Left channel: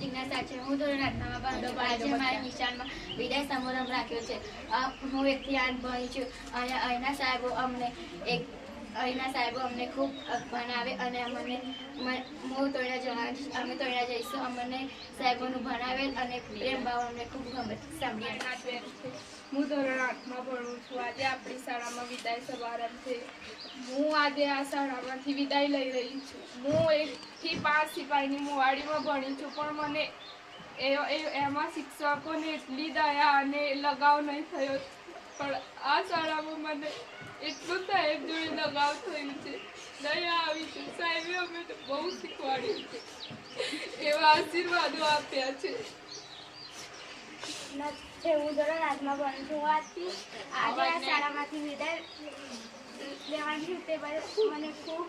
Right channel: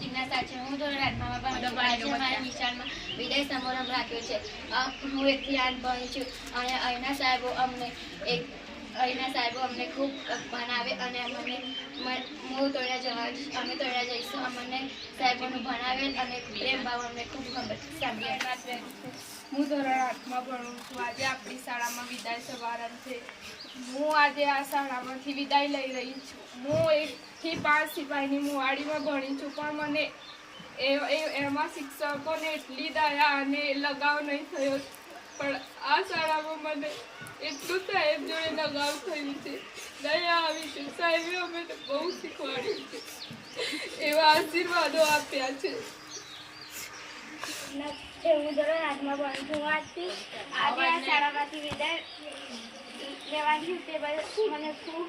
જિજ્ઞાસા છે. હું ધોરણ 8માં મારા નિશાળમાં વિદાય સમારંભ રાખ્યો છે. હું 1 થી 8 ભણી છું અને અહીંના સાહેબો અમને ખૂબ ભણાવે અને હું તોડ્યા જઈશું. અમને સાહેબોનું ભણાવેલ અને પ્રેમ ભાવ અમને ખૂબ સાંભળે. હું ધોરણ 8માં ભણું છું. આજે આપણી શાળામાં વિદાય સમારંભ છે. હું આજે આ શાળામાંથી વિદાય લઈ રહી છું. હું 1 થી 5 સિપાહીની મોવાડીમાં ભણી છું, પણ મને એમાં શિક્ષકોને એટલી દયા અને લગાવ નહીં થયો, પણ આ શાળામાં મને એટલું સાહેબ જોડે લગાવ થયું છે, દયા આવી છે. સાહેબે અમને બહુ શીખવાડ્યું છે, એવા આશીર્વાદો આપ્યા છે. હું ધોરણ 8માં ભણું છું. આજે આ શાળામાંથી વિદાય લેવાની તે મને ખૂબ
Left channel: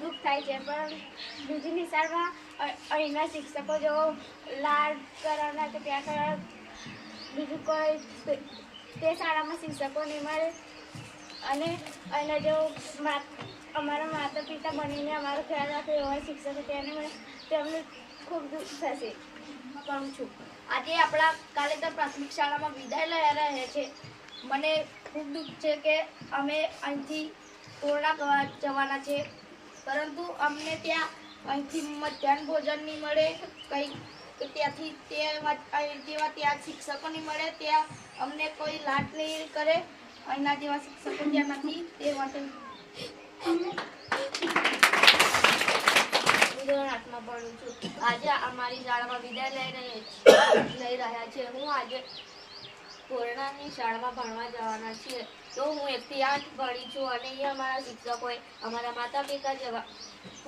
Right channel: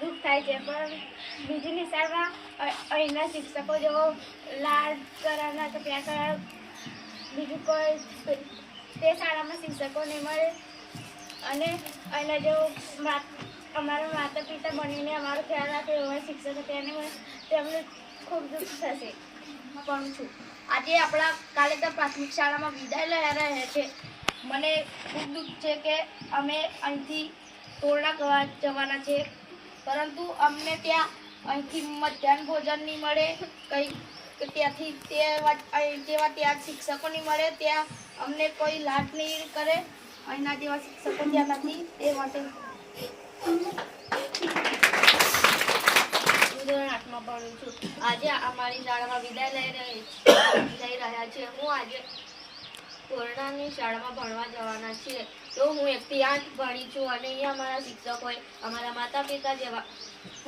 દુઃખ થાય છે, પણ બીજી નિશાળમાં અહીંના શિક્ષકો જો લાડ કરવાના કે ત્યાં કરવાના બીજું કોઈ તે શાળામાં શિક્ષકો નહીં મળે અને અહીંના જો અમારા માતા પિતા બનીને અમારો ખ્યાલ રાખે એવા શિક્ષકો તેને મળે તેમને ખૂબ દુઃખ થશે. પણ છું આજે આપણા કાલે તો પ્રાથમિક શાળામાં વિદાય લઈ રહ્યા છે. મને ખૂબ દુઃખ છે કે અમે અહીંથી તોરણા જવાના છે, પરંતુ અમને અહીંથી મધ્યાહન ભોજન નહીં મળે, ત્યાંથી જેવા ત્યાં શિક્ષકો નહીં મળે, ત્યાં અમને કોઈ લાડ નહીં કરે. અહીંના જેવા શિક્ષકો ત્યાં નથી, તે માટે ધોરણ 8માં ભણું છું. આજે અમારી શાળામાં વિદાય લઈ રહ્યા છે. હું આજે કોરોનાની શાળામાં ભણવા જવાના છીએ. તો હું 1 થી 8 ભણી છું અને અહીંયા અમારા શિક્ષકોએ અમારા માતા પિતા જેવા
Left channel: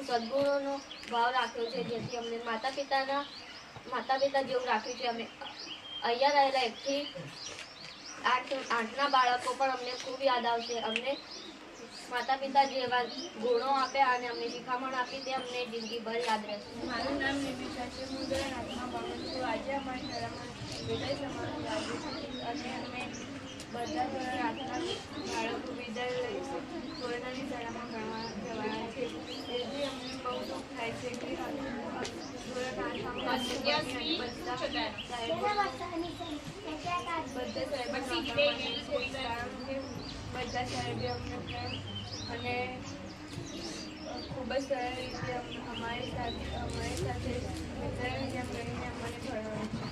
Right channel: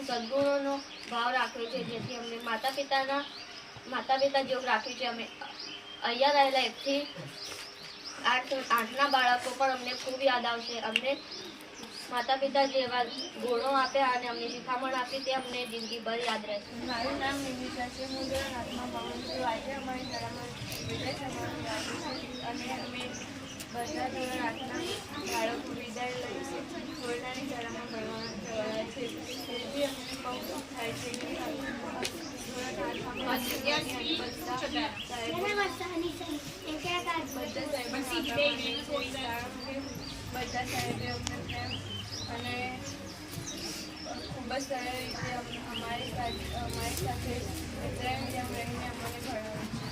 સદગુણોનો ભાવ રાખ્યો છે, જેથી અમને માતા પિતા જેવું રાખ્યું છે. અમે અહીંયા રહેલા 1 થી 8ના બાળકો પણ અમને ખૂબ યાદ આવશે. અમને માતા પિતા જેવા ગુણો આપ્યા અને અમને શિખામણ આપી, તે અમને જિંદગીભર યાદ રહેશે. મારું નામ નિમિષા છે. હું ધોરણ 8માં ભણું છું. આજે અમારી શાળામાં વિદાય સમારંભ રાખ્યો છે અને અમે બધા ધોરણ 8ના બાળકો વિદાય લઈશું. કોરોનાની શાળામાં ભણવા જવાના છે, તેથી અમને બહુ દુઃખ થાય છે કે ધોરણ 8માં બધા સાહેબે અમને પ્રેમ અને ખૂબ જ સરળ રીતે અમારી સાથે પ્રેમ જેમ રહીને અમને ભણ્યું છે.